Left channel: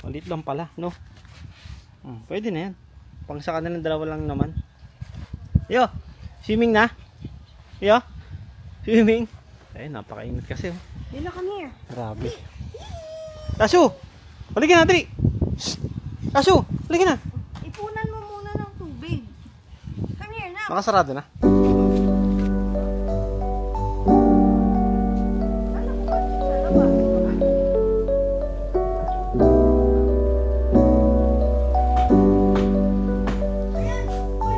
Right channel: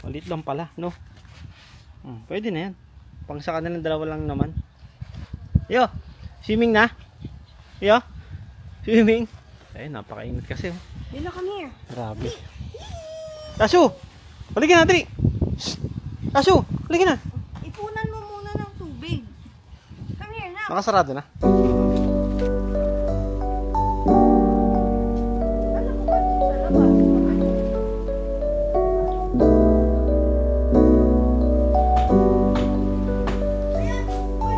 Maliit lang pala, no? Pwede na yan. Pang sa kanilang dalawa lang naman. Yo, swimming na? Yo, swimming. Ay, napakainit kasi. Oh. Dila, come here. Grabe. Asu! Halika na, dali! Asu! Halika na! Ipunan mo muna ng tubig. Come here na. Nakasarado na. Alam ko ba dun sa labas? Ayan. Uy.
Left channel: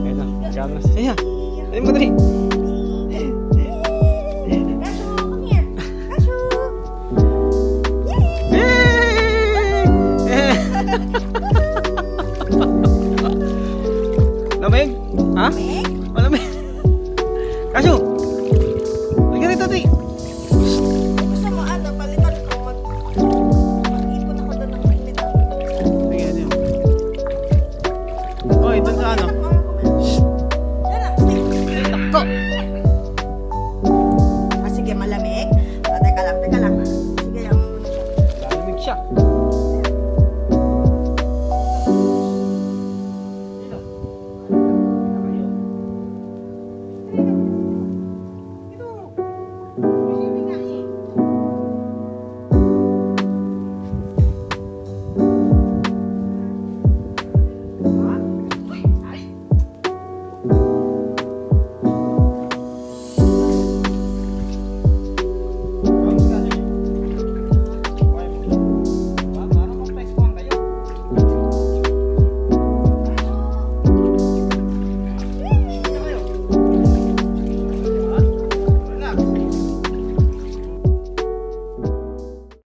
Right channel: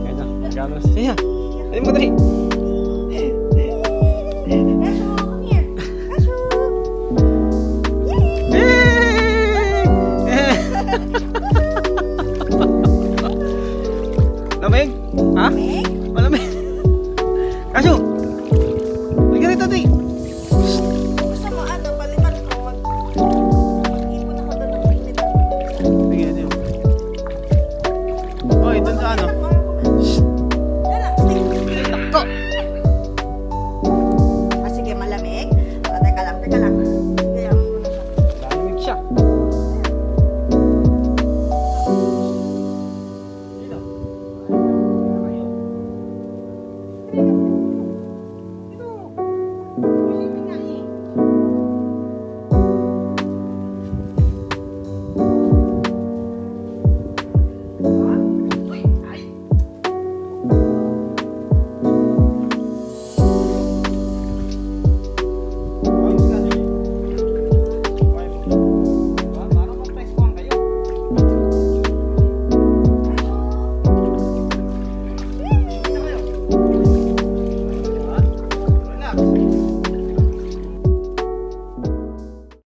Ayun na, gano'n na siya. Ayun mo, dali! Kashu, come here. Kashu. Yay! Lamig? Ha? Meg? Malamig? Kaso! Halika rito, dali! Gusto mo ano, palitan ko mag-ipon ako doon ng mainit na tubig. Sige, ano yun? Oy, dun sa ano? Yan lang, stick. Ay, nako! Ah, sige, malamig. Ah, teka lang. Sige, yung... Lalamig siya.